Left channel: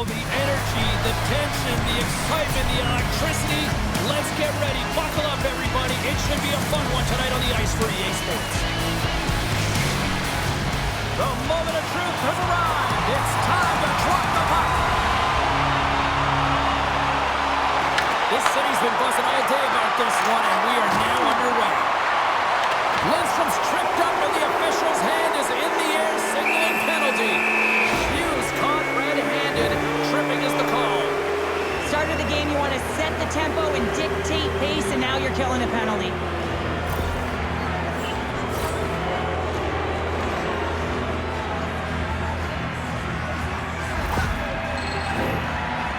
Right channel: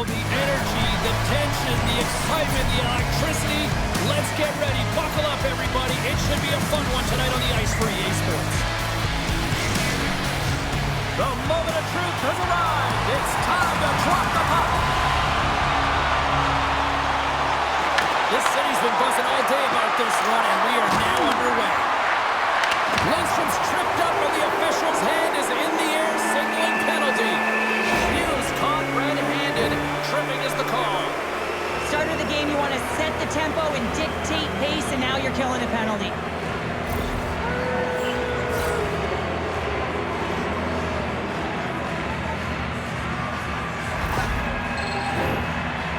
Oh, the energy, the tension, the excitement, the electricity. Let's get ready. Buckle up, everybody. It should be a fun one tonight on the ice for EA Sports. The moment of truth has arrived. It's time to drop the puck. This city's been buzzing all day about this one, and we are now underway. Lindstrom's tripped up, and the official's hand is in the air, signaling penalty. Hughes caught red-handed. Tripping is the call. Start of the game, you want to set the tempo and dictate pace, and now you're killing a penalty.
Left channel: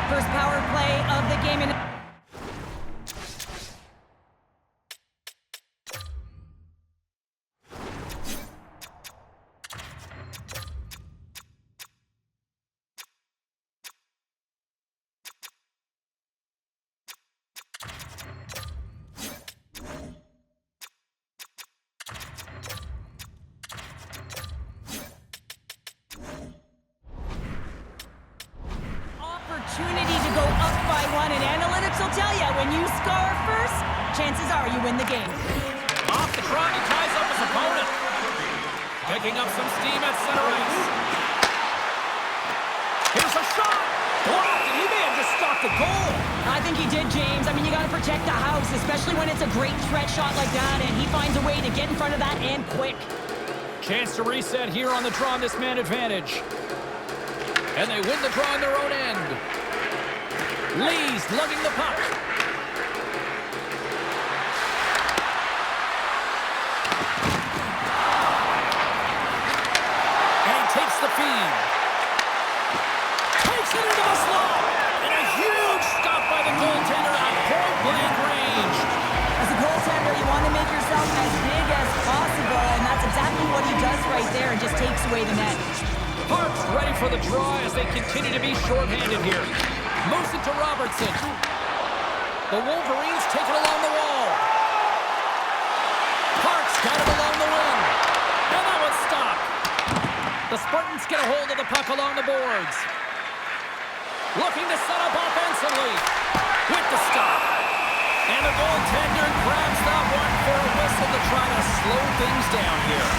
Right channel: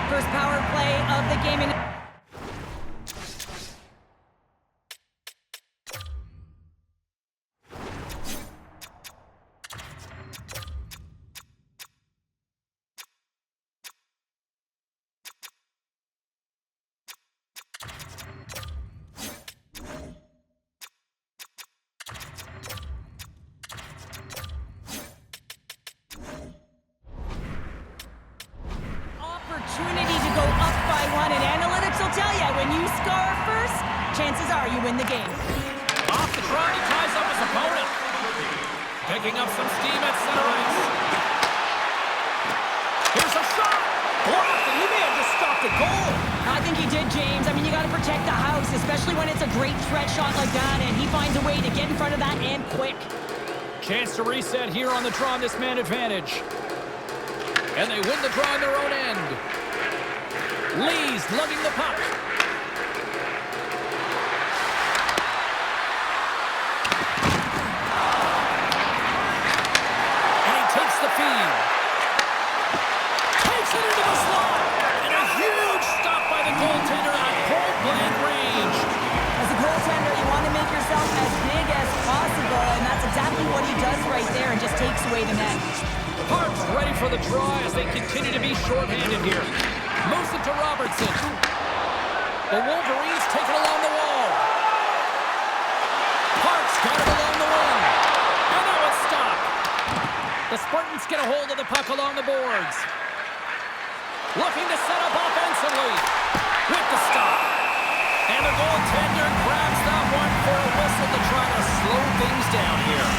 First power play of the game. Opportunity to go up by one, and analytics will tell you when you score first, chances are you win the game. Off the draw, he ties up his opponent. Picking up some steam at center ice. Here's a shot. Blocked, and he may have just stopped a goal. I think he did, James. I mean, you got to protect the house, especially when it's a great threat shot like that, and he finds a way to get in front of that and quick. Chance to reset here on the draw on this man advantage. And they win the draw on their own end. Lee's lugging the puck. And he takes the feed. Takes it into the slot. And a huge stop by the goaltender at point-blank range. As a goaltender, you want to make yourself as big as possible, and that's exactly what he does right there and just takes away the net. Harps ready for the draw as they continue to be shorthanded here. Moves it to Robertson. The Wolverines take it along the wall. Parks got it along the wing. And that one's stopped. The Spartans get a hold of the puck along the boards. Looking to set up offensively. With the stop. And the goaltender grabs that one for a whistle to try to slow things down here.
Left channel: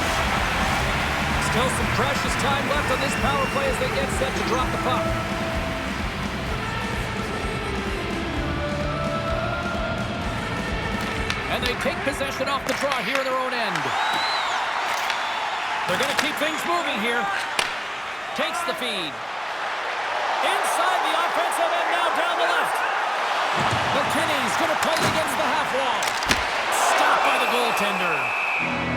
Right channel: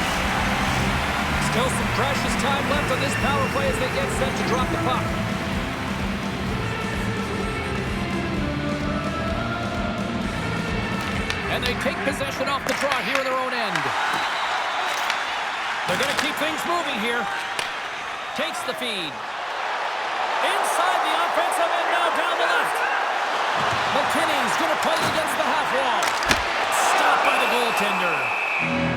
Still some precious time left on this power play as they get set to drop the puck. And they take possession off the draw here in their own end. They're going to keep things moving here. Takes the feed. Inside the offensive end, now down the left. McKinney's going to play it against the half wall. Stopped by the goaltender.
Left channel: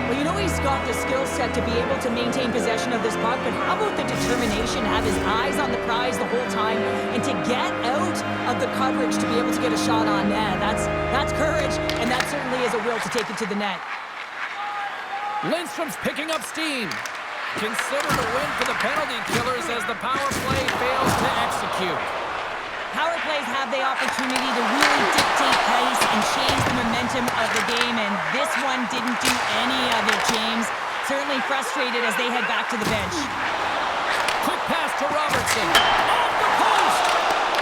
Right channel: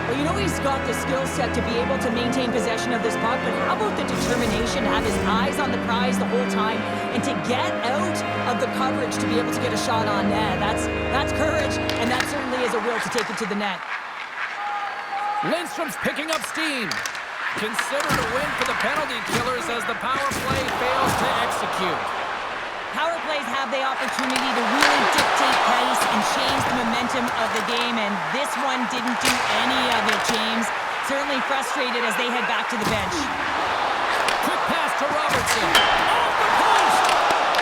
Well, you know he's got the skill set to be able to maintain possession of this puck, but how about the determination, have his eyes on the prize the whole time, and to get out of the coverage to be able to get a shot on net? That's courage, and that certainly is a will to take it to the net. Lindstrom's picking up steam. Considered a win for the penalty killers as the power play fails to execute. Power plays have the opportunity to really dictate pace and change the momentum of the game, and this one didn't do any of it, James. Certainly frustrated as they head back to the bench. Quick pass to Robertson. Off the post!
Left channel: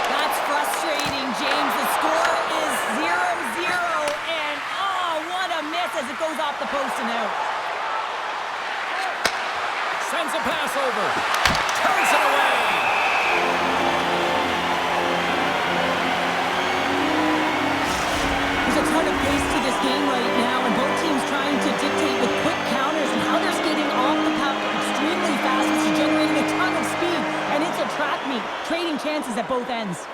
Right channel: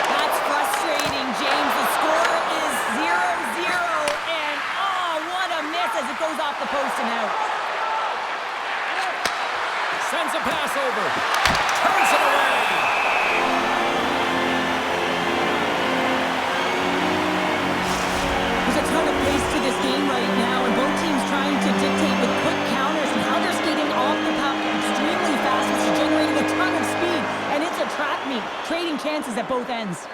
That's frustrating, James. The score is 0-0, and oh, what a miss as it goes off the post and out. Sends a pass over. Turns it away. There's a ton of pace to this game right now, and both teams trying to dictate with quick counters and how they're skating off the puck extremely fast, which is generating a ton of speed, and it's a track meet, trading chances at both ends.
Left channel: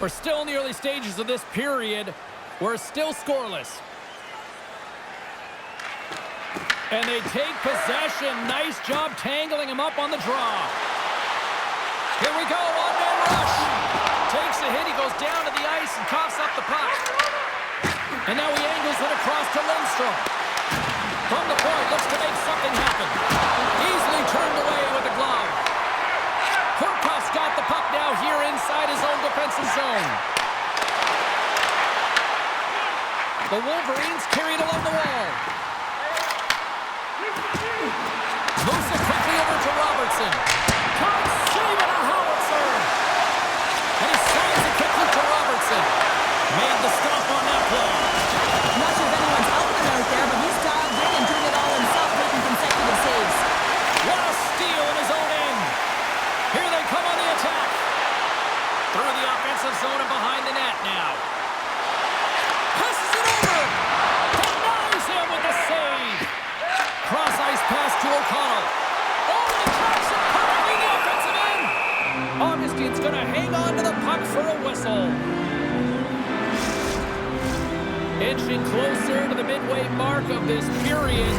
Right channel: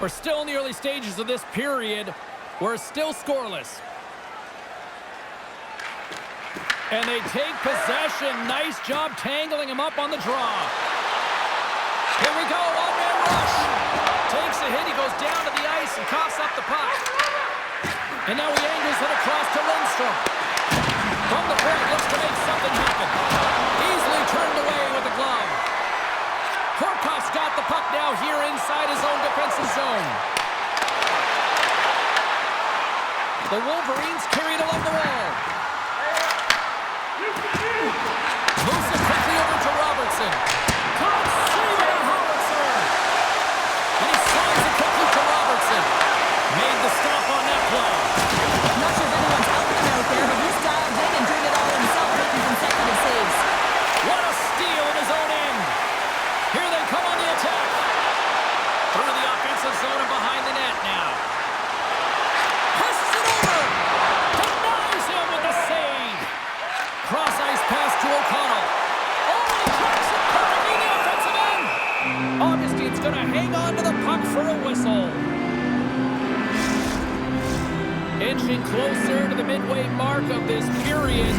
We're still in the early stages of this period. We're still scoreless. And they take possession. Nice job tangling him up on the draw. Here we go, one-man rush. Takes a hit, he goes down to the ice and coughs up the puck. And now he angles it across to Lindstrom. From the point, looks to make something happen. Easily turned away with the glove. Horkoff's got the puck now here inside his own defensive zone. The Wolverines carry it along the wall. Moves it quickly over to Robertson. Can't save it, a howitzer. And he slides it quickly to Robertson. Made the stop on that play. I'm not sure if anyone's helping him out there, but he's dialed in and doing it all himself, making consecutive saves. What a steal in his own end. Here they come on the attack. Through the offensive zone and behind the net now. Passes it over. Denies him with the save. Cross-ice pass to O'Connell. Oh, and he tracks it perfectly in the offensive end. Augustine's going to hang on to the puck for a whistle. Inching closer to the midway mark of this period.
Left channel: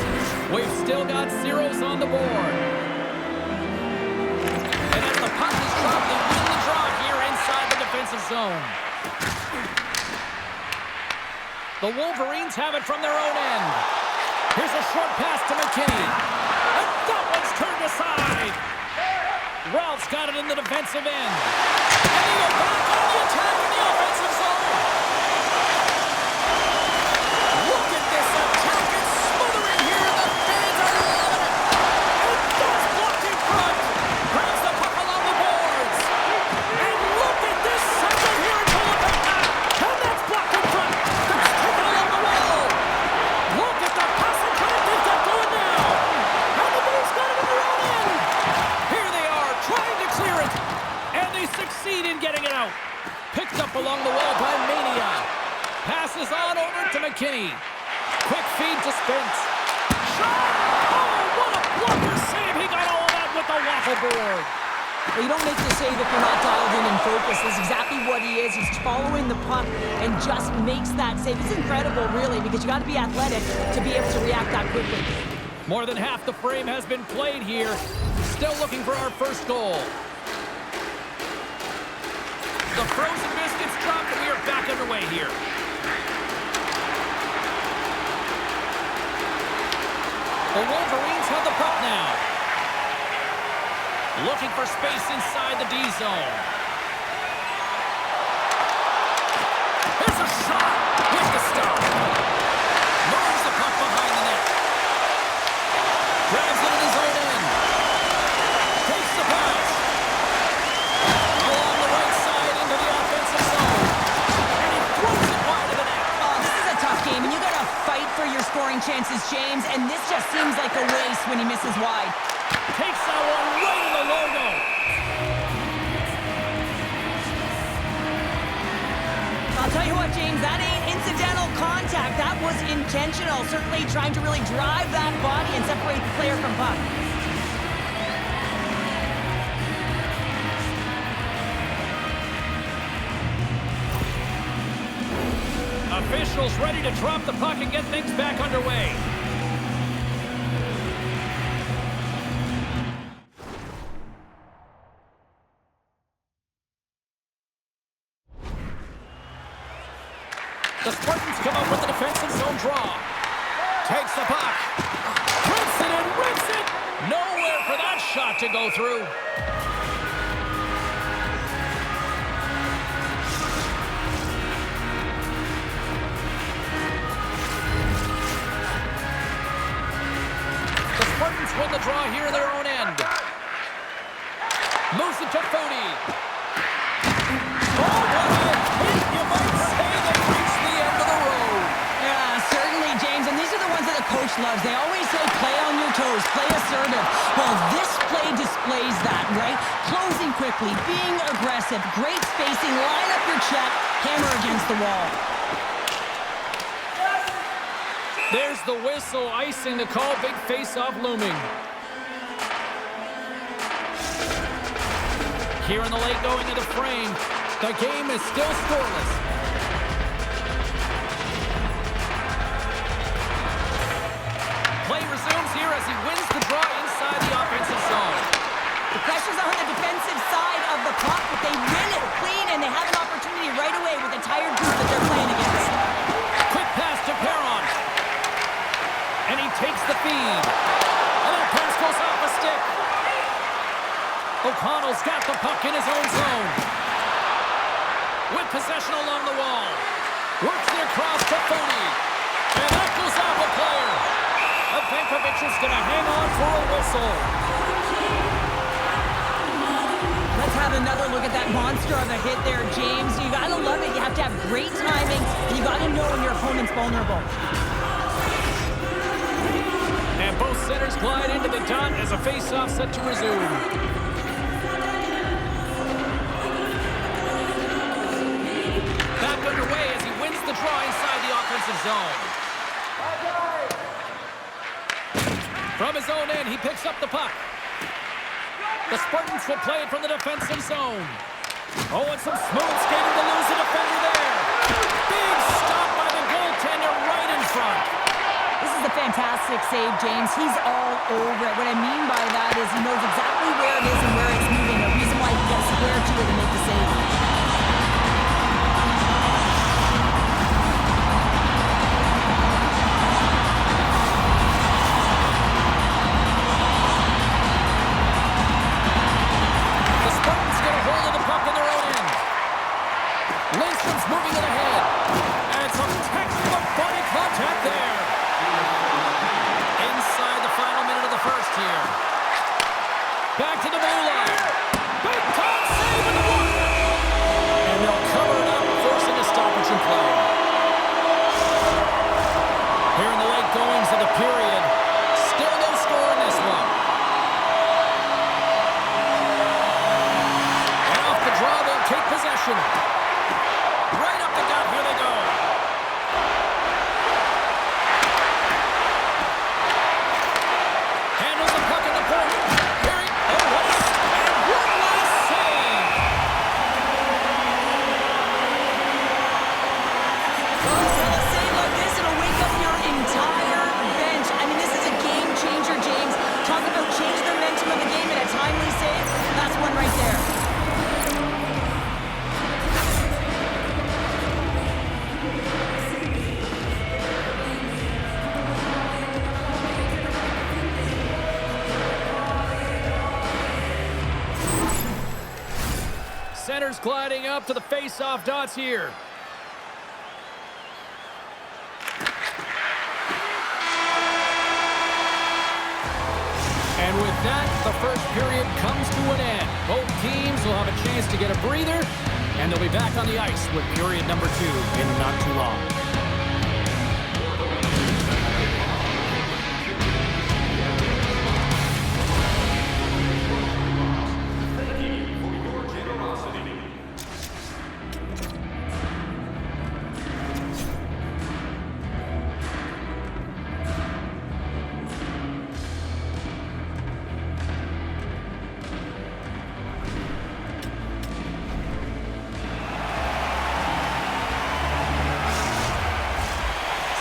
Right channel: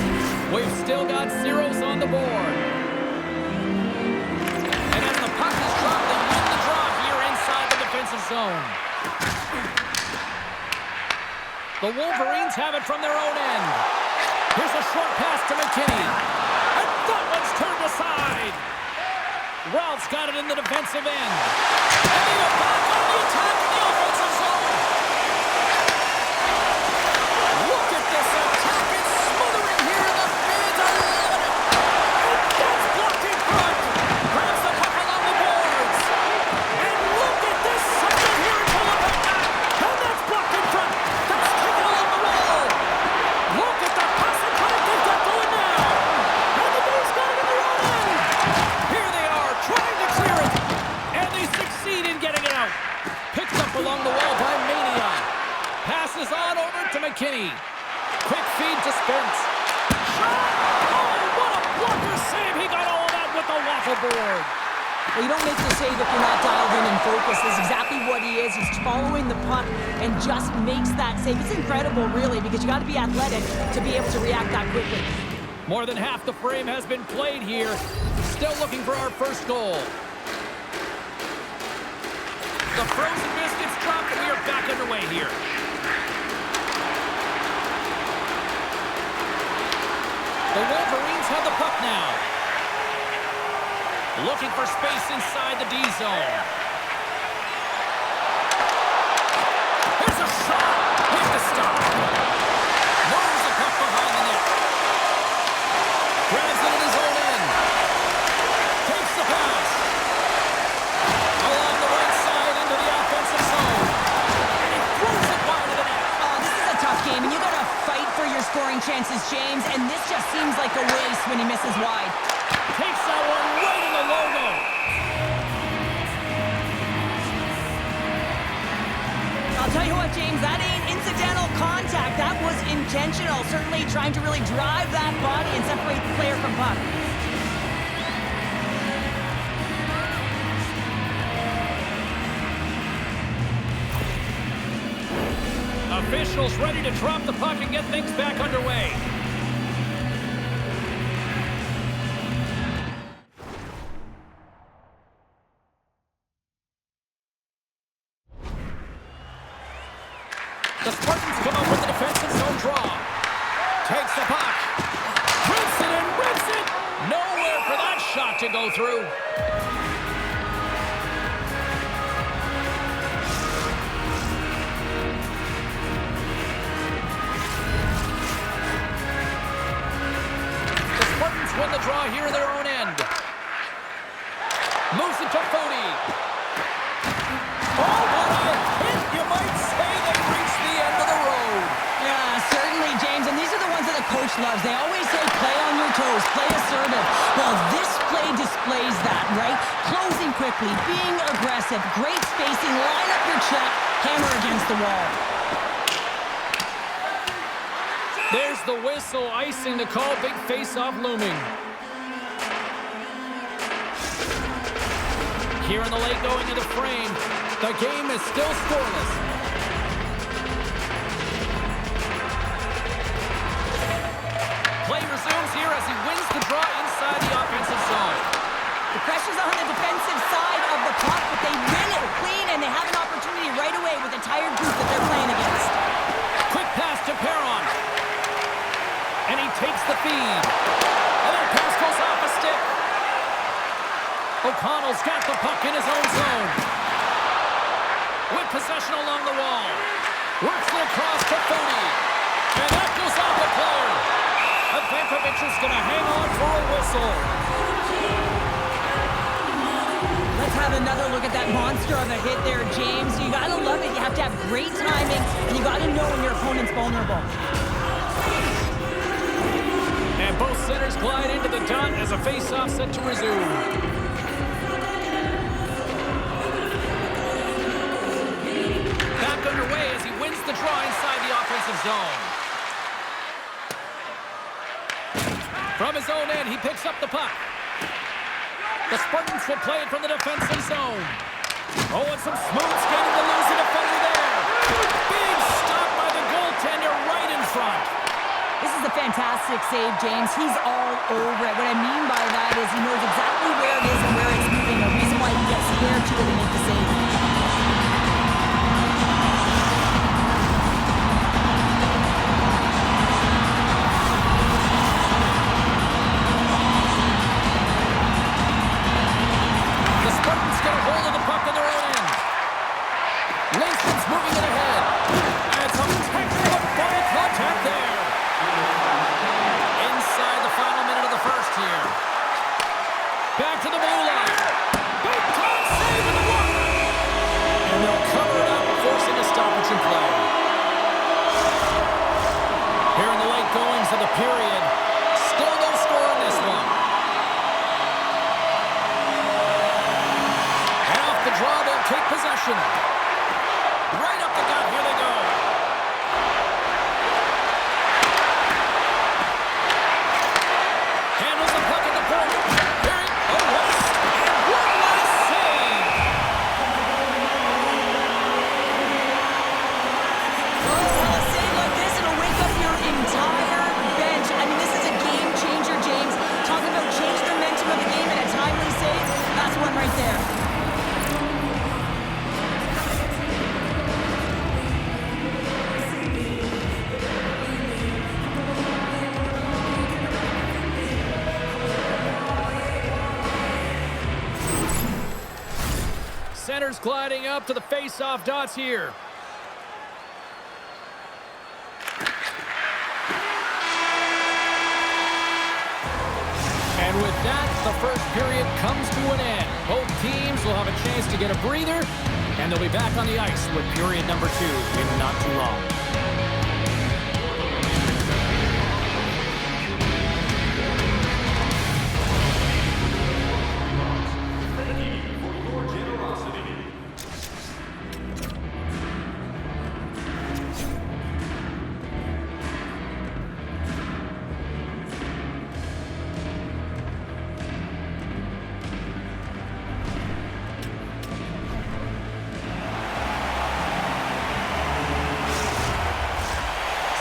We've still got zeros on the board. And as the puck is dropped, they win the draw here inside the defensive zone. The Wolverines have it from their own end. Here's a short pass to McKinney. And that one's turned aside. Ralph's got it in the defensive end. And they go back on the attack in the offensive zone. Look at this attack. It's smothering here, and the fans are loving it. And that's blocked in front. Grabs the puck along the boards. And look at this second here into the back net. And that's blocked in front. That's taken along the wall. Look at the passing credit they've got going now. And the Blues got it in their own end. Here they are trying to clear it. And they succeed in getting it out. Picked up along the wall by Mania. Passes on over to McKinney. Quick feed to Spence. Shot! Oh, what a blocker save! He got all of that with the waffle board. Well, you don't make the save if you're not dialed in and focused. That's exactly what he is. He's following the puck and just makes that save. It's incredible, really, because you got to be athletic to be able to react that quickly. More than half the frame has been played here. Still looking for our first goal. The frozen biscuits dropped, and we are back underway here. The Wolverines have the puck now. Looking for space inside the D zone. Here's a shot with the stop. Moves the puck behind the net. Grabs it in his own end. Takes the pass. Along the right side into the offensive zone. And he throws it wide of the net. Oh, this is a tough game, and you got to fight for your scoring chances, James, and this just seems like a waste when he misses wide. Takes that one right in the logo. I'll tell you what, James, that ain't incidental contact. That was intentional, certainly trying to really drive that body and separate the player from puck. Officials ready to drop the puck and get things back underway. The Spartans come up with the defensive zone draw. Takes the puck. Rips it and rips it. Nowhere for that shot to go through. The Spartans win the draw here in their own end. Moves it to Fody. Oh, what a hit, you might say. They reached the end of the road. Yeah, certainly, James, and these are the ones that the coach loves. They always say, play on your toes, play assertive. Well, this play displays that, right? Closing quickly, being aggressive, great spacing, line up your check, hammer against the wall. There's the whistle, icing the call, big face-off looming. Here in the late going of the frame, the game is still scoreless. Play resumes here as he wins the draw inside the offensive zone. The pressure's on the defensive side of the puck, but they win it clean, and they have an opportunity right away with a tired group that they're playing against. Quick pass to Perron. And he takes the feed. And that pass goes off a stick. O'Connell's got the puck in his own zone. With possession along the wall. Works it across to Fody. And that goes off a player. Evankovic is going to hang on for a whistle. Let's have another look at that monster of a hit there, James. You got to love it. You have to have great timing, and you got to know when your opponent's vulnerable. And both centers glide into the dot as a face-off set to resume. Back underway as he wins the draw inside the offensive zone. From his own end, he picks up the puck. The Spartans will play it from the defensive zone. Oh, and some smooth skating to lose the defender there. Big stop by the goaltender right in front. This is a fantastic save, James. He's all over it. What I mean by that is he knows exactly where it is and where it's moving. A reason why he gets square to it and make the save. The Spartans get a hold of the puck on their own end. Lindstrom's moving it ahead. And some textbook body contact there. Inside the final minute of the first here. Back to the blue line. Big time save in the block. And they'll cover it up, forcing a stoppage in play. Here in the late goings of the period. Still no score in this one. And off the draw, they'll take possession. Right up the gut, here they go. Handles the puck at the point. Perry, oh, what a last save. Oh, a save like this, it'll wake up your entire bench. I mean, this is a game changer, James. Talk about change the momentum of the game and a timely save. That's one right there. Centers gliding up to the face-off dots here. And with that, the first period comes to an end. Both teams will have a chance to get a breather, and they'll be back on the ice with period number 2 in not too long.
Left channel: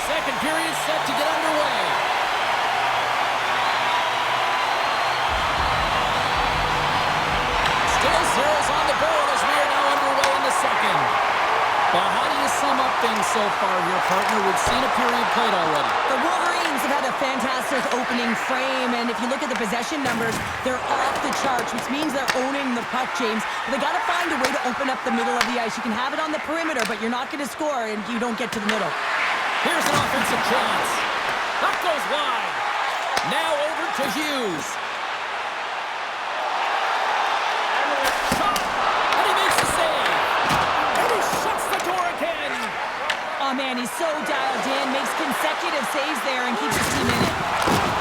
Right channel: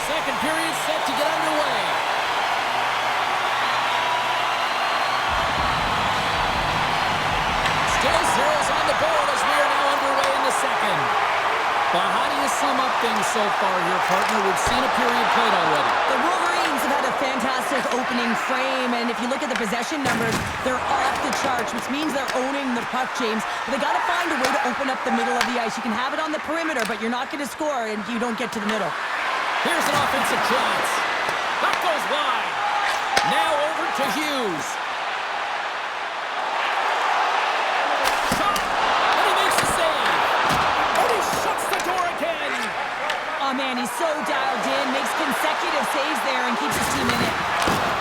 Second period set to get underway. Still zeros on the board as we are now underway in the second. Well, how do you sum up things so far here, partner? We've seen a period played already. The Wolverines have had a fantastic opening frame, and if you look at the possession numbers, they're off the charts, which means they're owning the puck, James. But they got to find a way to open up the middle of the ice. You can have it on the perimeter, but you're not going to score if you don't get to the middle. Here's an offensive chance. That goes wide. Now over to Hughes. Shot, and he makes the save. And he shuts the door again. Oh, man, he's so dialed in, makes consecutive saves there, and keeps his team in it.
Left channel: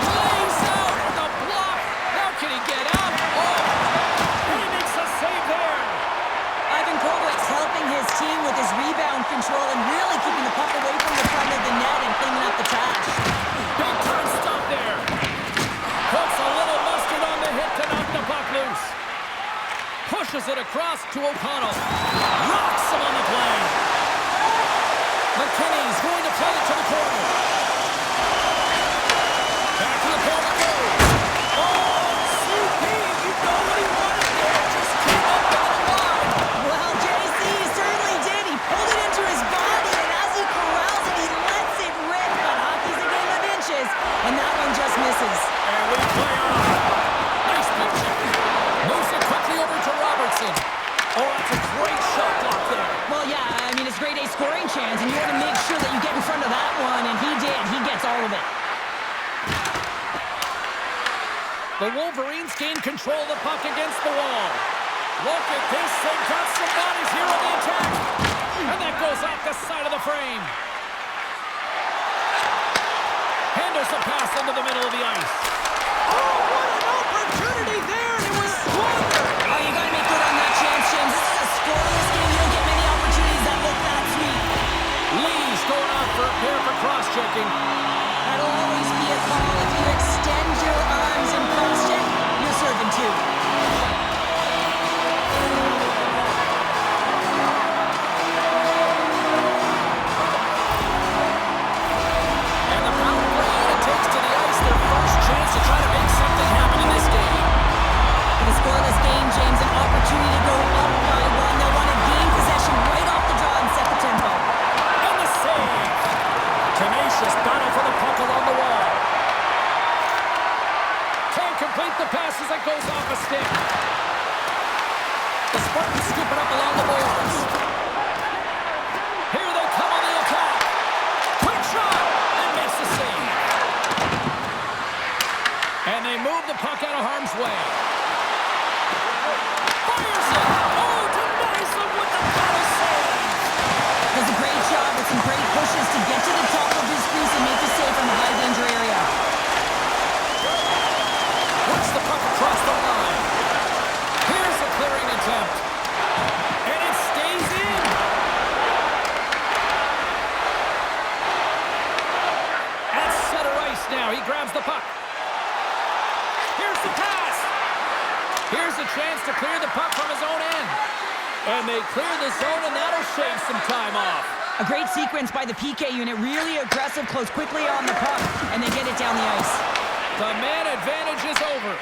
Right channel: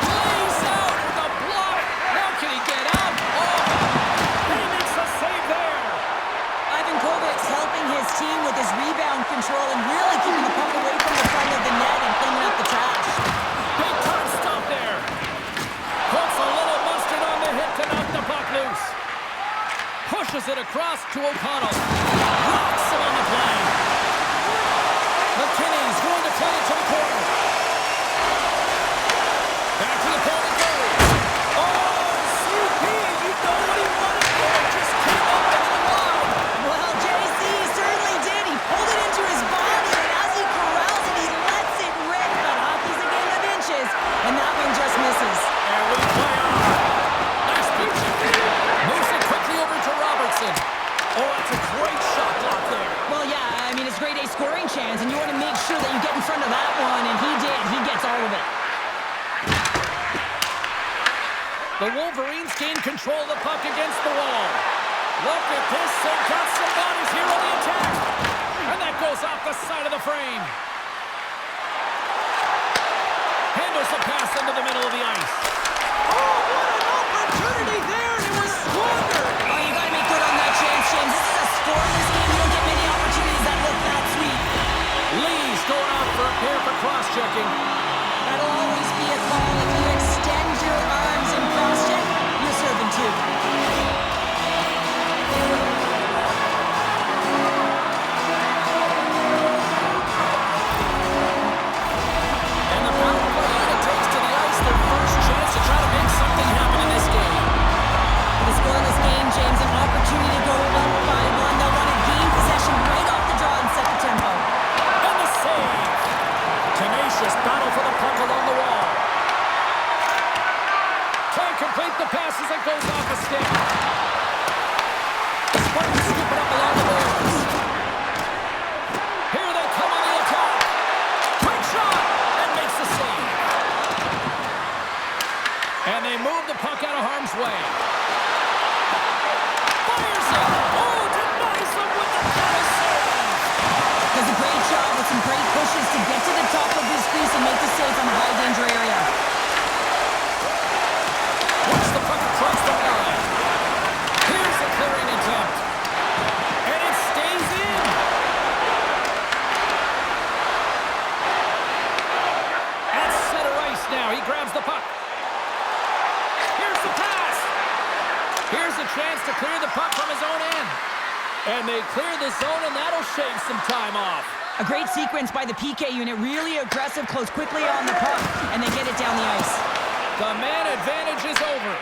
Lays out with a block. Now can he get out? Oh, and he makes a save there. Ivan Kovac's helping his team with his rebound control and really keeping the puck away from the front of the net and cleaning up the trash. Big time stop there. Puts a little mustard on the hit to knock the puck loose. Pushes it across to O'Connell. Rocks him on the play. McKinney's going to play it to the corner. Back to the corner it goes. Oh, CP, you know what he wanted there. Just came up a little wide. Well, JC certainly did. He pulled it into his body, and as he corrals it, he lets it rip. But hockey's a game of inches, and that one just misses. And we play on. Nice pitch. Moves it quickly over to Robertson. Oh, that's a great shot block there. Well, yeah, I mean, it's grade A scoring chance, and you want to make sure that you get in front of that one, and he did. The Wolverines gain control of the puck against the wall. Look at this. They've got some bodies here on the attack. And that goes off the side of the frame. Handles the pass into the middle of the ice. Oh, what an opportunity there, and it was squandered. Oh, you got to make good on that chance, James. This is a scoreless game. You don't get many opportunities that look that sweet. Lee's going out for a pair for cross-checking. That'll always be a call. If you extend your arms and cross-check, you're serving two. And the power play unit takes to the ice their first chance to try to make something happen in this game. With a scoreless game, James, an opportunity to go up by one. They'll want to gain possession right off the draw and set the tempo. And the save. Tenacious battle for the puck along the wall. Can't complete the pass as it goes off a stick. The Spartans scoop it up along the boards. Here they come on the attack. Quick shot and makes the save. And they move the puck out of harm's way. Fires it. Oh, denies them with the battle save. Does a great job with some great pushes to get to the top of his crease and make the save from a high-danger area. Works the puck across the line. Here's a clearing attempt. And it stays in. At center ice now. He grabs the puck. Here's the pass. Here's a chance to clear the puck from his own end. And they clear the zone, and that'll shave some time off. A great sequence by the PK unit. Really aggressive, close quickly on the puck, and they get it down the ice. The man advantage is over.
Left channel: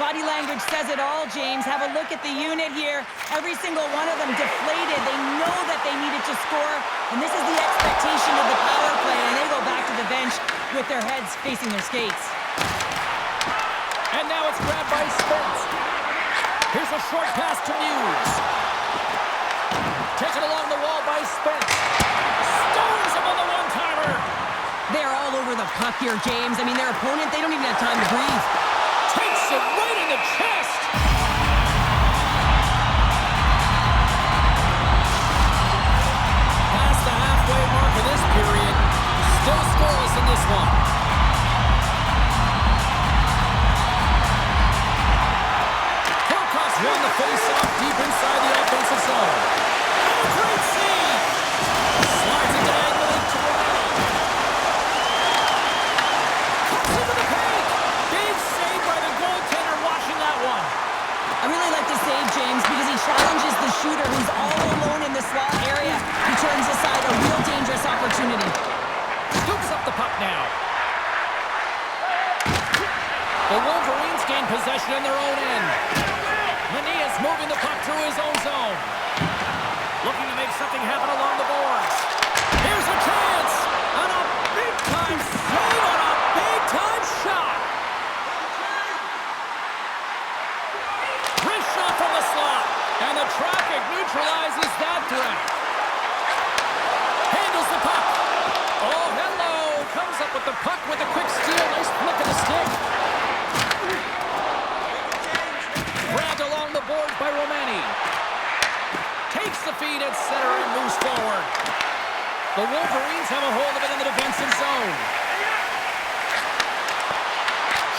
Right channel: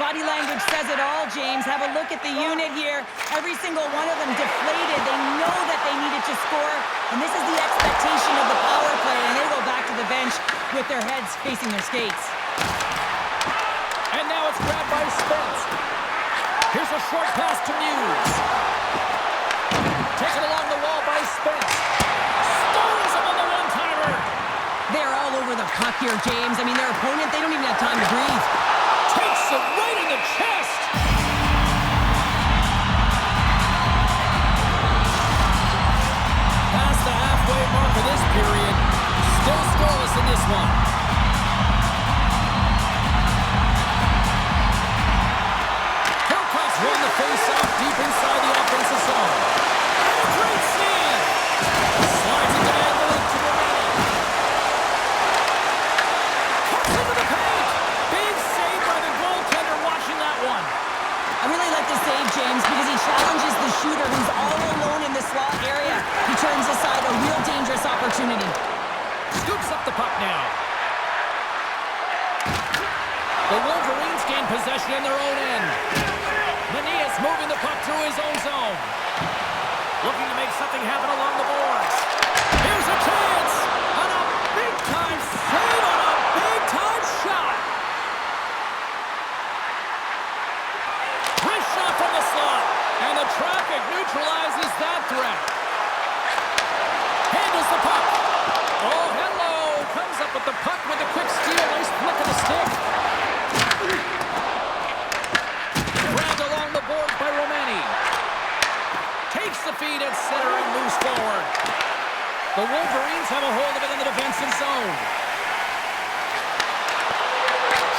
Body language says it all, James. Have a look at the unit here. Every single one of them deflated. They know that they needed to score, and this is the expectation of the power play, and they go back to the bench with their heads facing their skates. And now it's grabbed by Spence. Here's a short pass to Muse. Taken along the wall by Spence. Stones him on the one-timer. They're all over the puck here, James. I mean, their opponent, they don't even have time to breathe. Takes it right in the chest. Past the halfway mark of this period. Still scoreless in this one. Hillcock's won the face-off deep inside the offensive zone. And a great save. Slides it diagonally to Romani. Cuts into the paint. Big save by the goaltender watching that one. I really like the save, James, because he challenges the shooter who's all alone in the slot area. He turns aside a real dangerous opportunity. Scoops up the puck now. The Wolverines gain possession in their own end. Mania's moving the puck through his own zone. Looking to make something happen along the boards. Here's a chance! On a big-time save on a big-time shot! Wrist shot from the slot. And the traffic neutralizes that threat. Handles the puck. Oh, hello! Comes up with the puck with a quick steal. Nice flick of the stick. Grabbed along the board by Romani. Takes the feed at center and moves forward. The Wolverines have a hold of it in the defensive zone.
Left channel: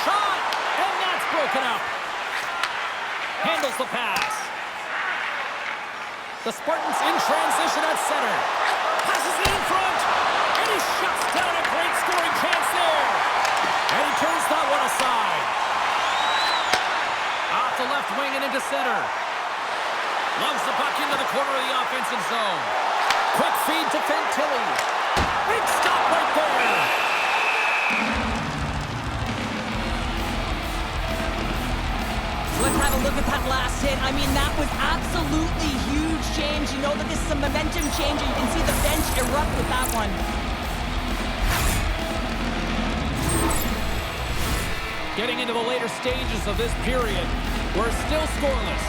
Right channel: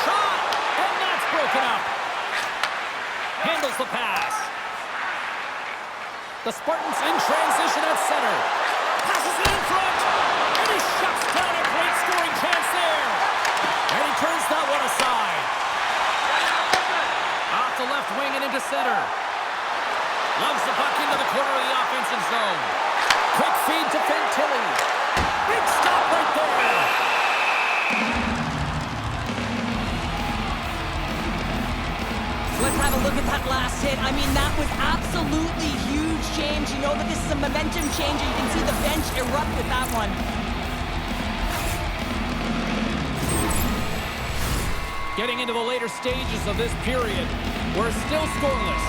Shot! And that's broken up. Handles the pass. The Spartans in transition at center. Passes it in front. And he shuts down a great scoring chance there. And he turns that one aside. Off the left wing and into center. Loves the puck into the corner of the offensive zone. Quick feed to Fantilli. Big stop right there. Let's have a look at that last hit. I mean, that was absolutely huge, James. You know that this is a momentum changer. You can see the bench erupt with that one. Getting into the later stages of this period, we're still scoreless.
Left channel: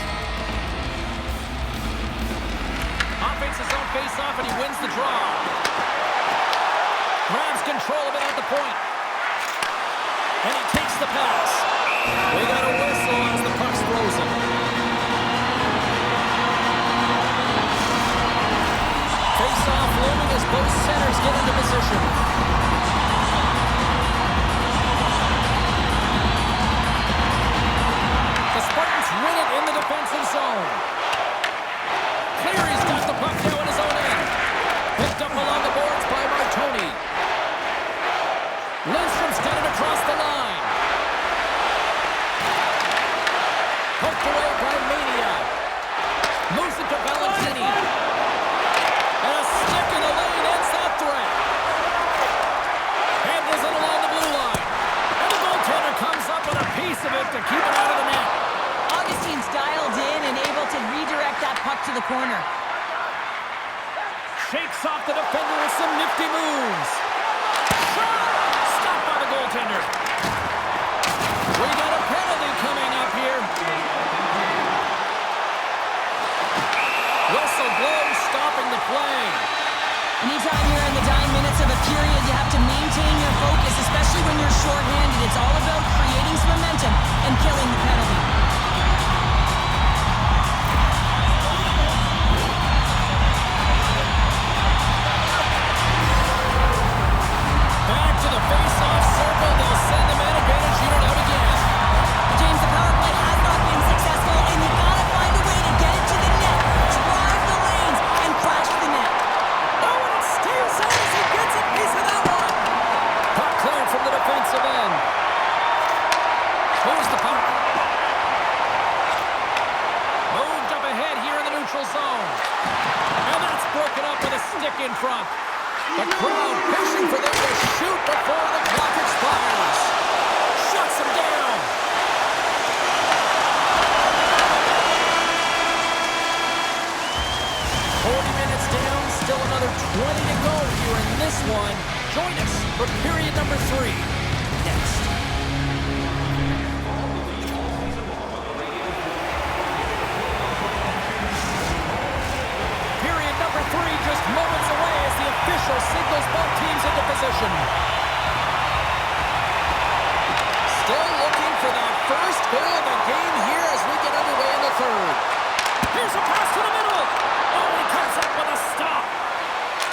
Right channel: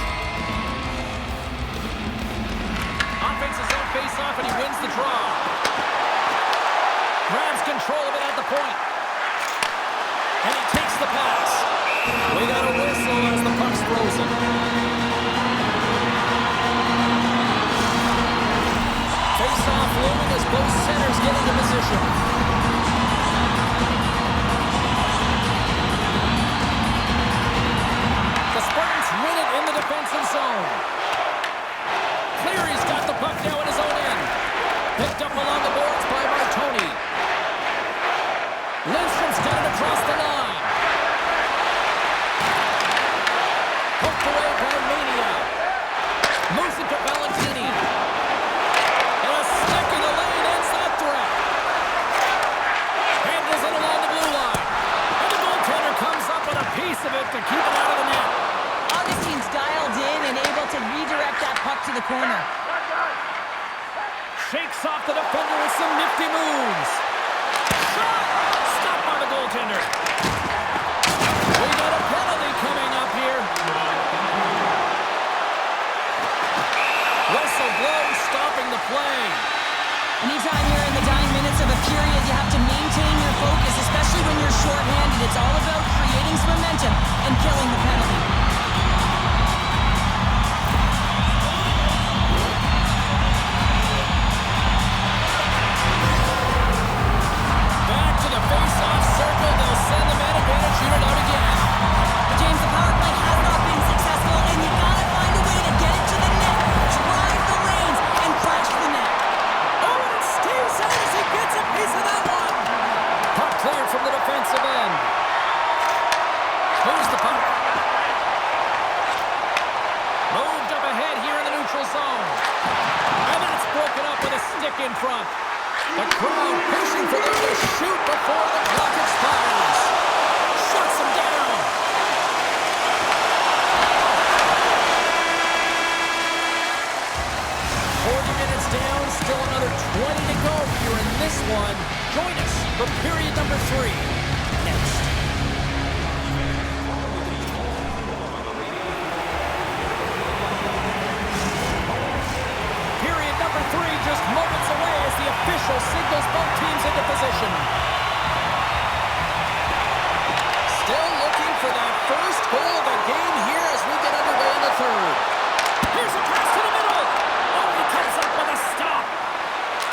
Offense his own face-off, and he wins the draw. Grabs control of it at the point. And he takes the pass. frozen. Face-off looming as both centers get into position. The Spartans win it in the defensive zone. Cleary's got the puck now in his own end. Picked up along the boards by Martoni. Lindstrom's got it across the line. Poked away by Mania. Moves it to Valentini. And a stick in the lane ends that threat. Handles it along the blue line. And the goaltender comes up with a piece of it to keep it out of the net. Augustine's dialed in and able to redirect that puck to the corner. Shakes off the defender with some nifty moves. Shot! Stopped by the goaltender. We got a penalty coming up here. Whistle blows, stopping the play. Anytime you're in the dying minutes of a period, you have to maintain your focus, especially when you're shorthanded. It's all about creating some momentum and killing the penalty. Back to the face-off circle. They'll send the man advantage unit out again. James, the power play has not been successful, and you gotta find a way to get it to the net, drive the lanes, and crash the net. Oh, and it stays out as he gets a piece of that one. Puck cleared from the defensive end. Moves the puck. Moved up ahead here in the neutral zone. And that's broken up with a stick in front. The crowd pushing for them to shoot before the clock expires. Shuts them down. Down, still another 20 to go here in this one. Join us for period number 3 next. Period number 3 just moments away as the official signals both teams into position. Still looking for that first goal of the game here as we get underway in the third. Here's a pass to the middle. Oh, he comes up with a stop.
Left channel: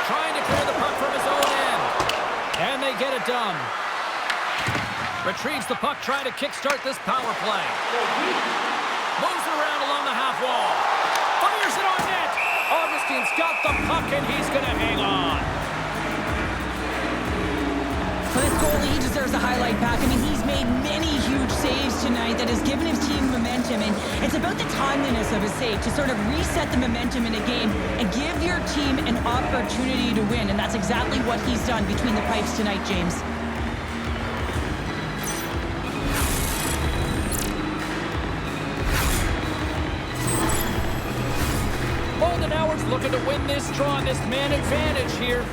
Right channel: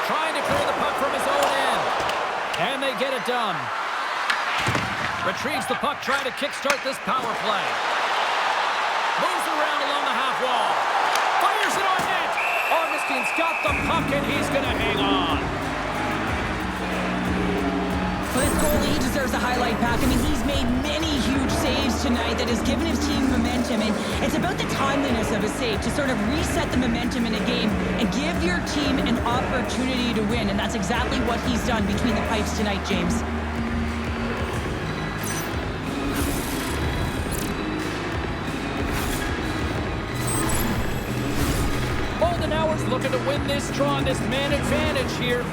Trying to clear the puck from his own end. And they get it done. Retrieves the puck, trying to kickstart this power play. Moves it around along the half wall. Fires it on net. Augustine's got the puck, and he's going to hang on. For this goalie, he deserves a highlight pack. I mean, he's made many huge saves tonight that has given his team momentum, and it's about the timeliness of his save to sort of reset the momentum in a game and give your team an opportunity to win, and that's exactly what he's done between the pipes tonight, James. Bolden Howard's looking to win this draw, this man advantage here.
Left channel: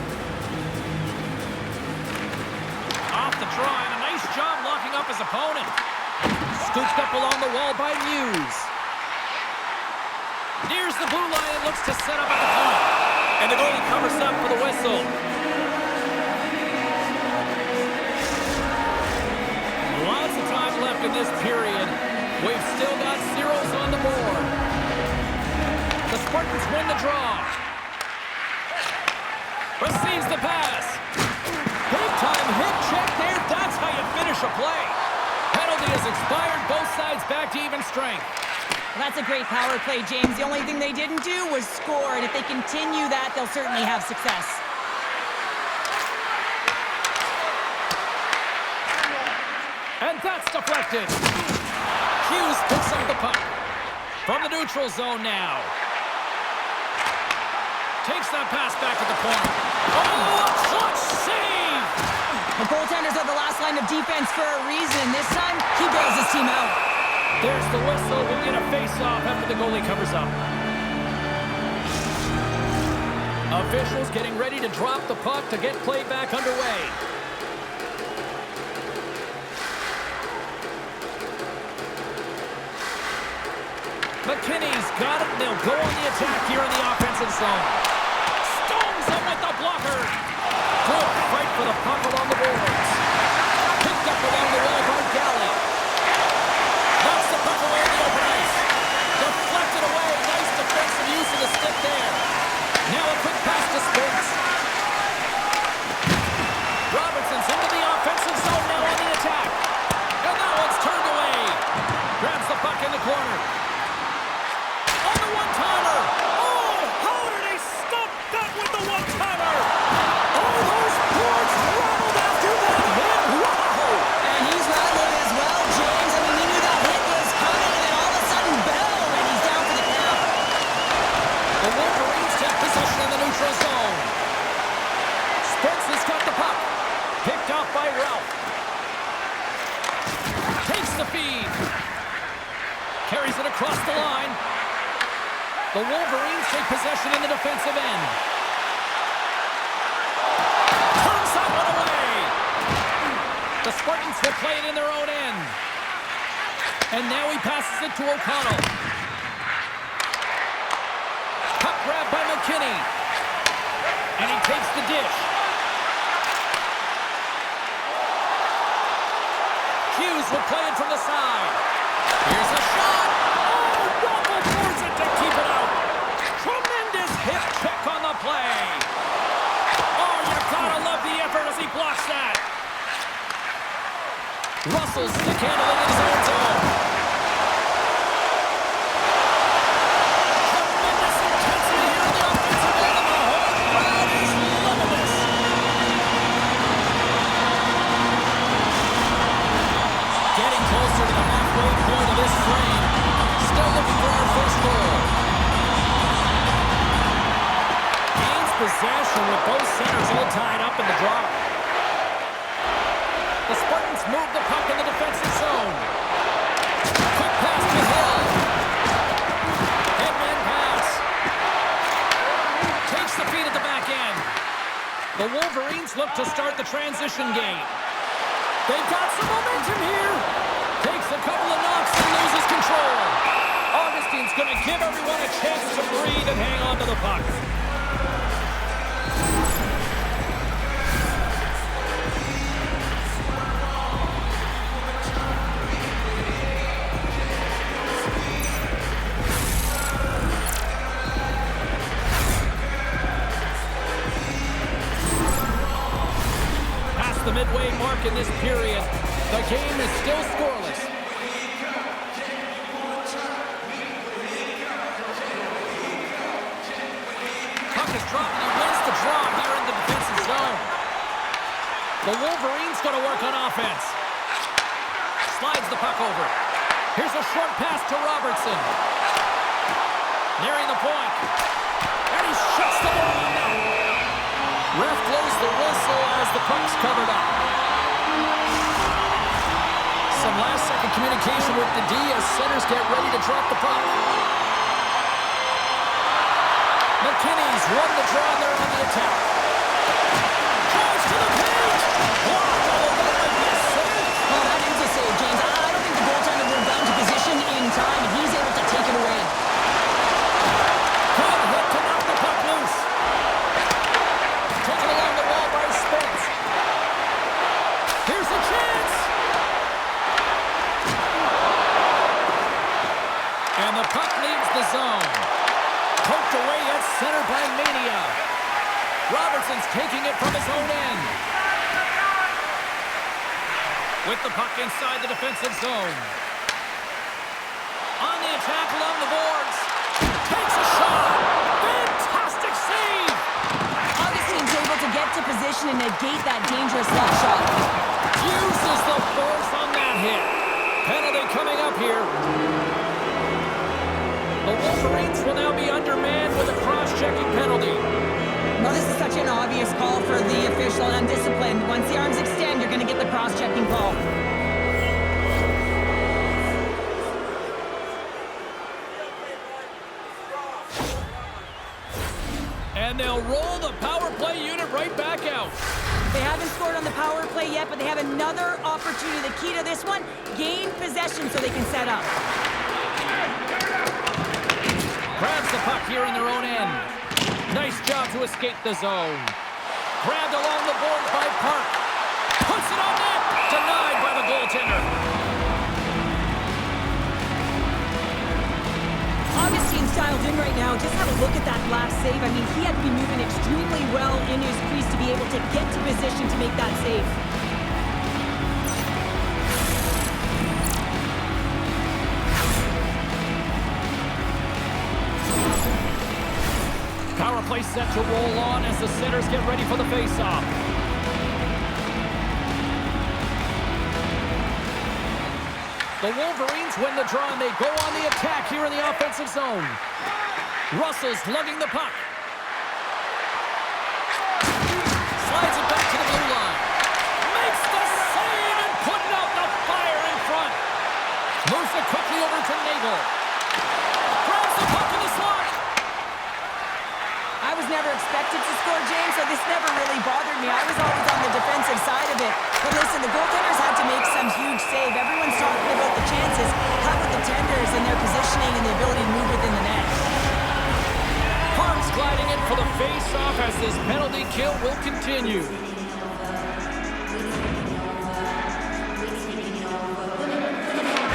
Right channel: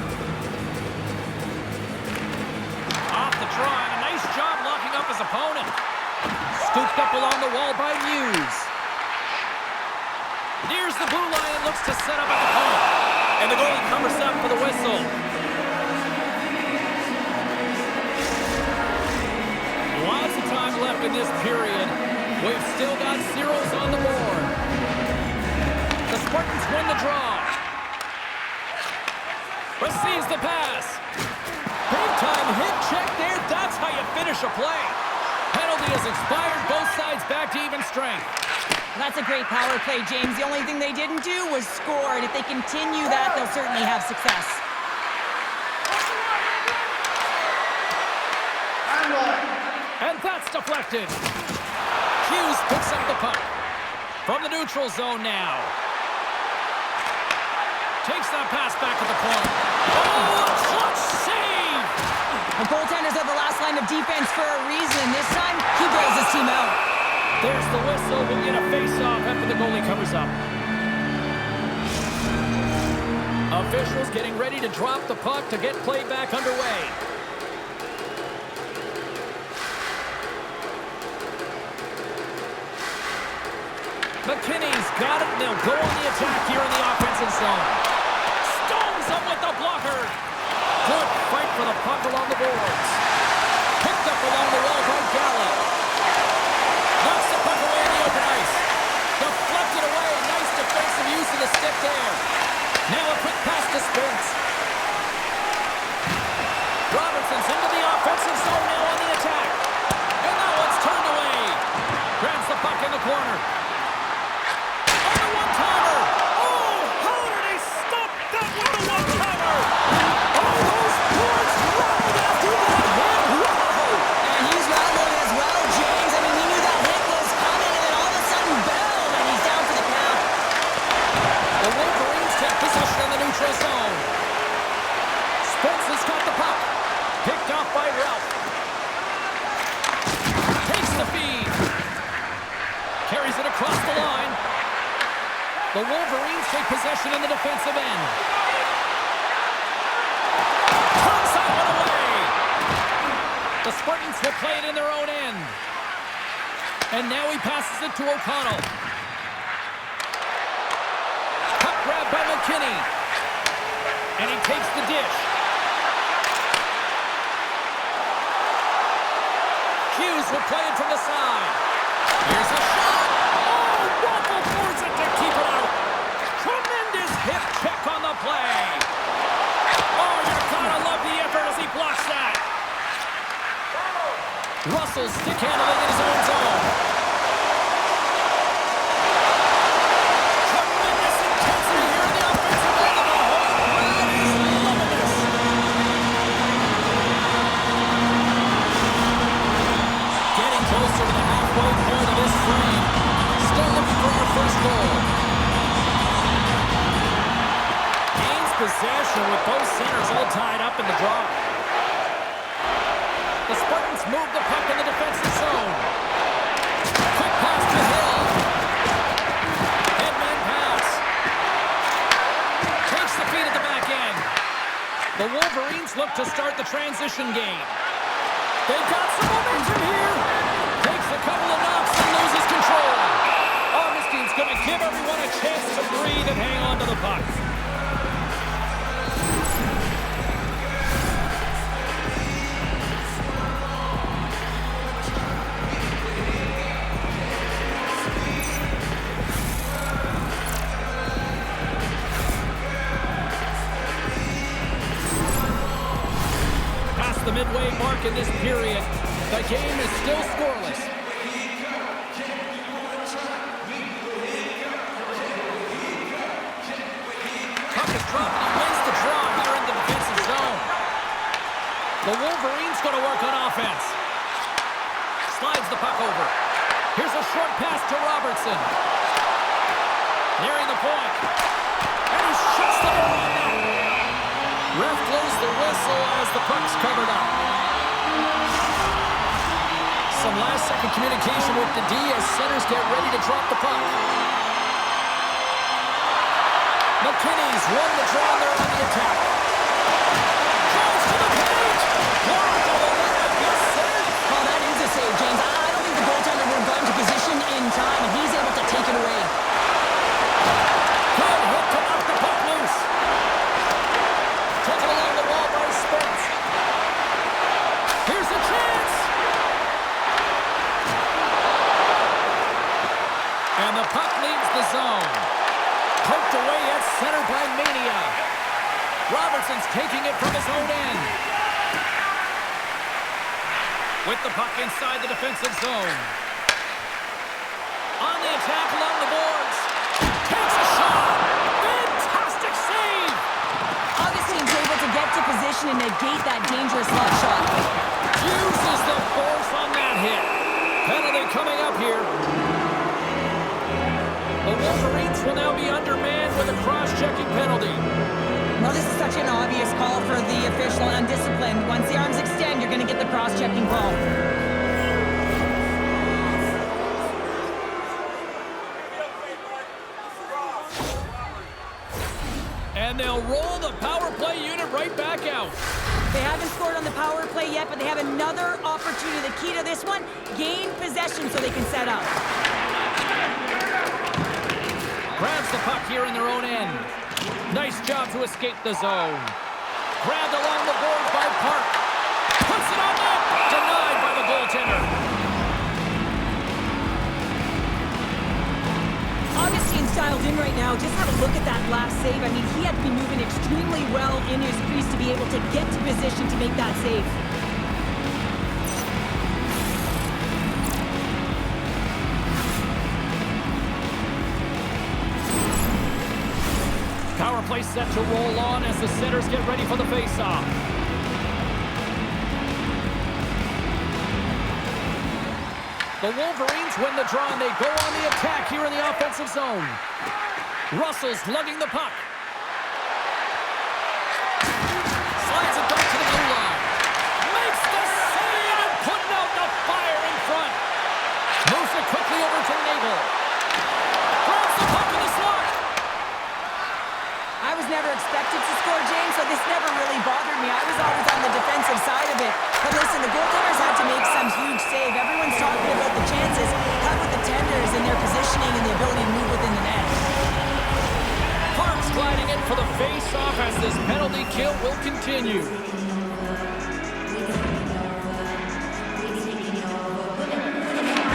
Off the draw, and a nice job locking up his opponent. Scooped up along the wall by Muse. Nears the blue line and looks to set up at the point. And the goalie covers up for the whistle. Lots of time left in this period. We've still got zeros on the board. The Spartans win the draw. Receives the pass. Big-time hit check there. That's how you finish a play. Penalty has expired. Both sides back to even strength. Well, that's a great power play, James. The only thing they didn't do was score, and if they continue that, they'll certainly have success. And that's deflected. Hughes picks up the puck. From the neutral zone now. Takes that pass back at the point. Oh, a clutch save! The goaltenders are the last line of defense for a reason. This time, he bails his team out. There's the whistle. We'll get a face-off after the goalie covers up. Officials getting ready to drop the puck to get play back underway. McKinney's got it. They'll go on the attack here in the offensive zone. Stones him with the blocker. Good fight for the puck along the boards. Picked up along the wall by Galley. Knocks the puck away in the open ice. Lays it across the line. The Wolverines take possession in the defensive end. Turns that one away. The Spartans will play it in their own end. And now he passes it to O'Connell. Puck grab by McKinney. And he takes the dish. Hughes will play it from the side. Here's a shot. Oh, Waffle forces it to keep it out. Tremendous hip check on the play. Oh, you gotta love the effort as he blocks that. Russell stick handling in his own zone. Tremendous intensity here in the offensive end, and the whole crowd is loving this. Getting closer to the halfway point of this frame. Still looking for our first goal. Gains possession with both centers all tied up in the draw. The Spartans move the puck in the defensive zone. Quick pass to Hill. Headman pass. Takes the feed at the back end. The Wolverines look to start the transition game. They've got some momentum here. Takes a couple of knocks and loses control. Augustine's going to give everyone a chance to breathe and hang on to the puck. Past the midway mark in this period, the game is still scoreless. Puck is dropped and he wins the draw here in the defensive zone. The Wolverines going to work on offense. Slides the puck over. Here's a short pass to Robertson. Nearing the point. And he shuts the ball on that. Ref blows the whistle as the puck's covered up. Some last-second communication with the D as centers get ready to drop the puck. McKinney's won the draw and they're on the attack. Drives to the page. Blocked, although that might be a save. Oh, that is a save, James. I don't think the goaltender would have gotten to position in time, and he's able to take it away. Good hit to knock the puck loose. Taken along the wall by Spence. Here's a chance. And the puck leaves the zone. Poked away at center by Mania. Robertson's taking it from his own end. With the puck inside the defensive zone. On the attack along the boards. Takes a shot. Fantastic save. Augustine's able to get to position and negate that dangerous left shot. Uses the force on that hit. Penalty coming up here. The Wolverines will now be undermanned with a cross-checking penalty. No, this is such an obvious call for the official, undisciplined. Once the arms extend, you're going to get the cross-checking call. And they'll roll the power play unit right back out. They haven't scored on the power play yet, but they have another opportunity. The key to this one, gain possession so they can set up. Grabs the puck here in their own end. Nice job to escape the zone. Grabbed along the boards by Park. Puts it on net. Denied by the goaltender. Augustine's dialed in right now. Just have a look at that last save. I mean, he had to be moving extremely well in his crease to be able to get to position to make that save. Power play set to roll on as the centers get ready for the face-off. The Wolverines win the draw and they go on the attack here in the offensive zone. Russell's lugging the puck. Slides it back to the blue line. Makes the save and putting out the fire in front. Moves it quickly over to Nagel. never expected to score, James, so this never really bothered me. I was always on the defensive side of it. But listen, the goaltenders had to make some huge save. Everyone's talking about the chances. How about the tenders and their positioning and the ability to move within the net? Parks gliding in for the face-off as this penalty kill will continue.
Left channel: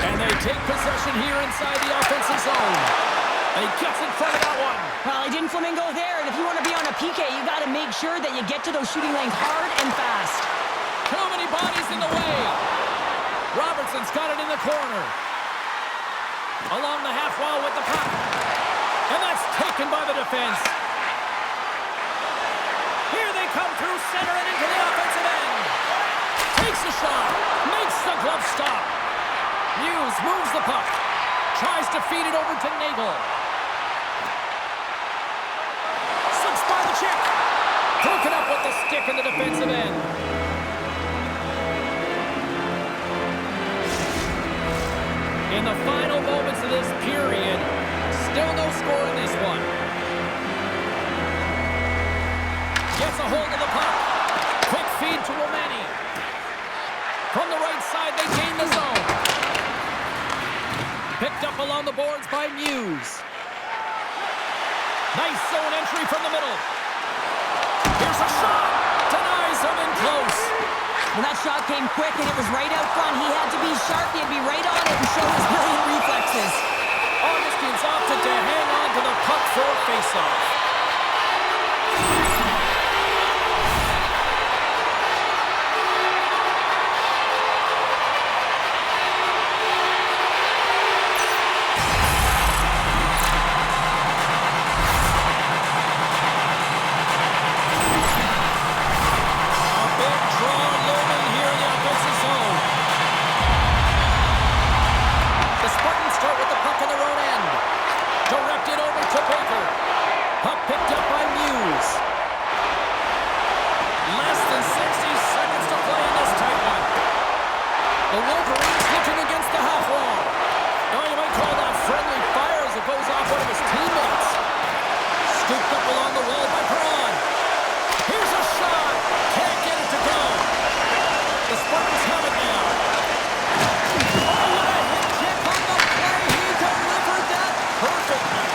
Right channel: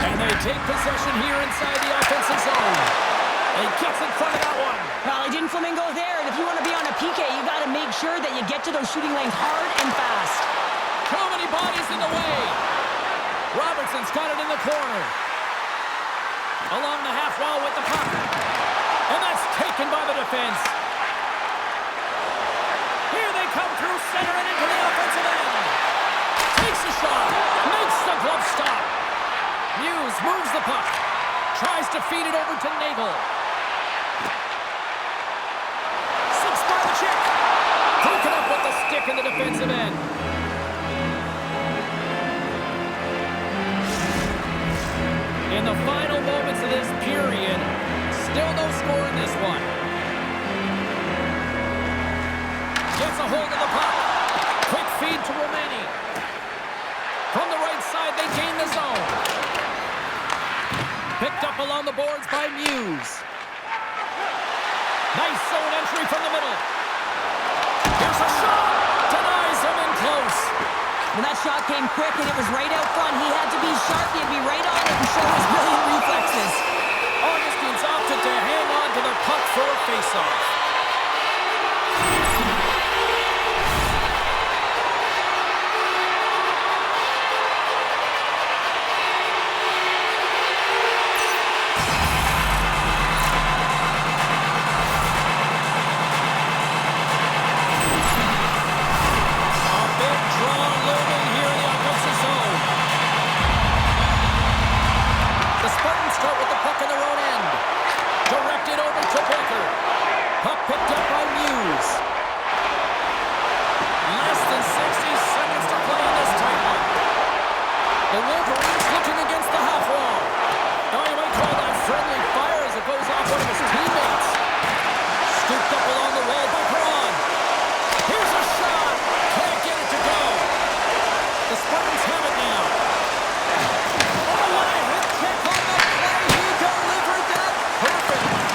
And they take possession here inside the offensive zone. And he gets in front of that one. Well, he didn't flamingo there, and if you want to be on a PK, you got to make sure that you get to those shooting lanes hard and fast. Too many bodies in the way. Robertson's got it in the corner. Along the half wall with the puck. And that's taken by the defense. Here they come through center and into the offensive end. Takes a shot. Makes the glove stop. Muse moves the puck. Tries to feed it over to Nagel. Slips by the check. Broken up with the stick in the defensive end. In the final moments of this period, still no score in this one. Gets a hold of the puck. Quick feed to Romani. From the right side, they gain the zone. Picked up along the boards by Muse. Nice zone entry from the middle. Here's a shot. Denies him in close. Well, that shot came quick, and it was right out front. He had to be sharp. He had to be right on it and show his brilliant reflexes. Augustine's opted to hang on to the puck for a face-off. Start with the puck in their own end. Directed over to Baker. Puck picked up by Muse. Less than 60 seconds to play in this tight one. The Wolverines looking against the half wall. Now you might call that friendly fire as it goes off one of his teammates. Scooped up along the wall by Perron. Here's a shot. Can't get it to go. The Spartans have it now. Oh, what a hit kick on the play. He delivered that perfectly.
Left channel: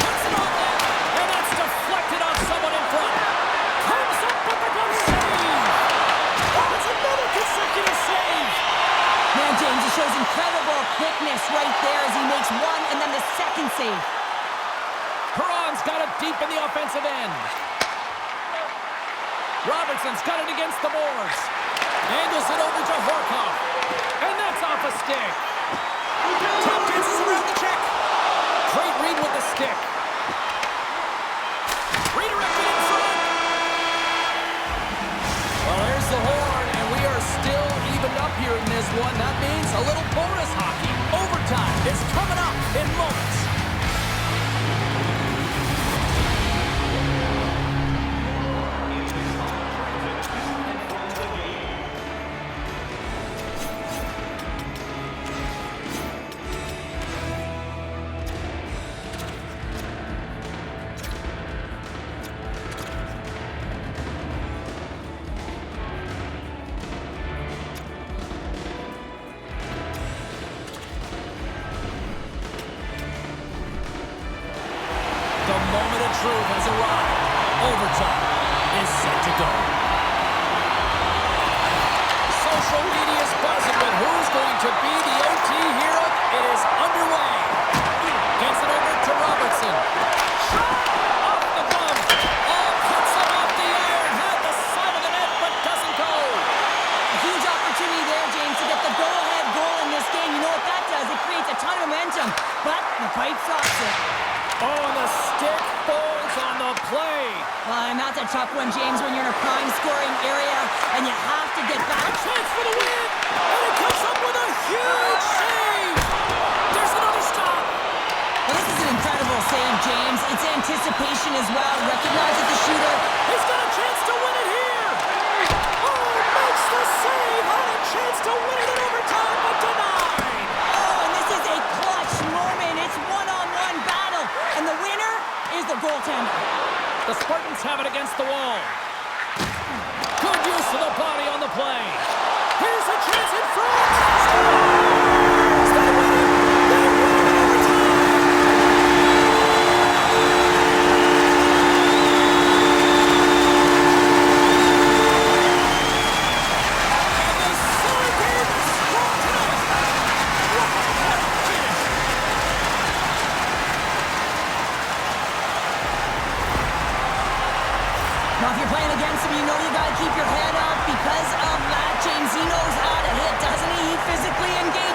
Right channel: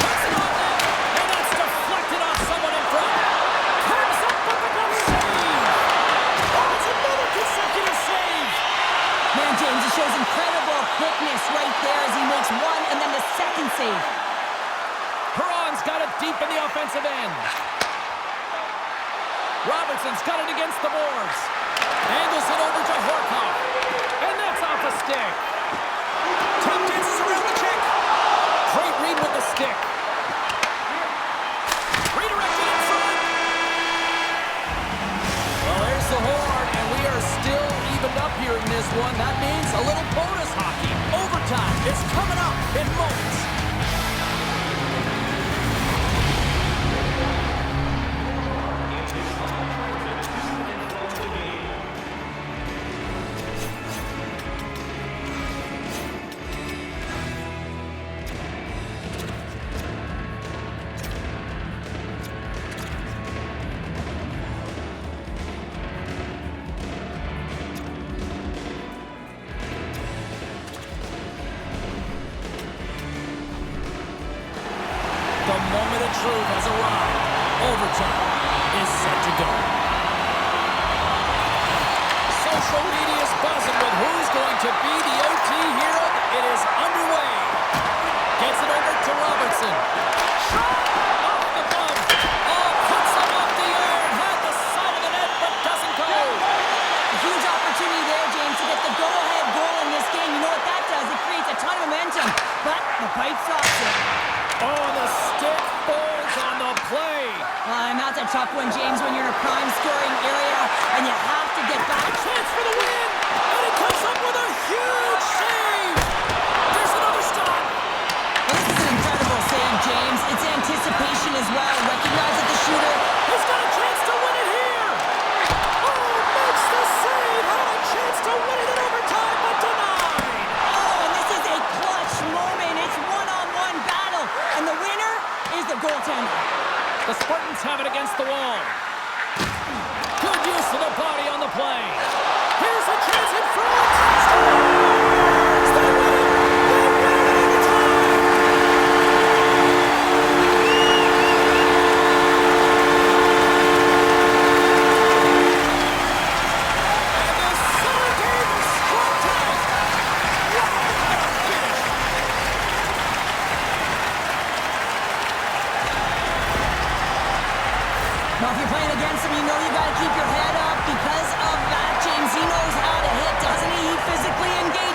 Puts it on net, and that's deflected off someone in front. Comes up with the glove save. Oh, it's another consecutive save. Man, James, he shows incredible quickness right there as he makes one and then the second save. Perron's got it deep in the offensive end. Robertson's got it against the boards. Angles it over to Horkoff. And that's off a stick. Tap dances around the check. Great read with the stick. Redirected in front. Well, there's the horn, and we are still evened up here in this one. That means a little bonus hockey. Overtime is coming up in moments. The moment of truth has arrived. Overtime is set to go. Social media is buzzing with who's going to be the OT hero. It is underway. Gets it over to Robertson. Shot off the glove. Oh, puts him off the iron. Had the side of the net, but doesn't go. A huge opportunity there, James, to get the go-ahead goal in this game. You know what that does? It creates a ton of momentum, but the pipe stops it. Oh, and the stick falls on the play. And that's a tough one, James, when you're in a prime scoring area and you have to get back. A chance for the win, and he comes up with a huge save. There's another stop. Well, this is an incredible save, James. It's anticipation as well. Recognizes the shooter. He's got a chance to win it here. Oh, makes the save. Had a chance to win it in overtime, but denied. Oh, and this is a clutch moment. It's one-on-one battle. And the winner is the goal. goaltender. The Spartans have it against the wall. Good use of the body on the play. Here's a chance in front. Scores! They win it! They win it in overtime! And the Sully game is strong tonight. Wow, what a finish! Now, if you're playing against him, you know you got to keep your head up because of that, James. He knows how to hit, doesn't he? He physically engages.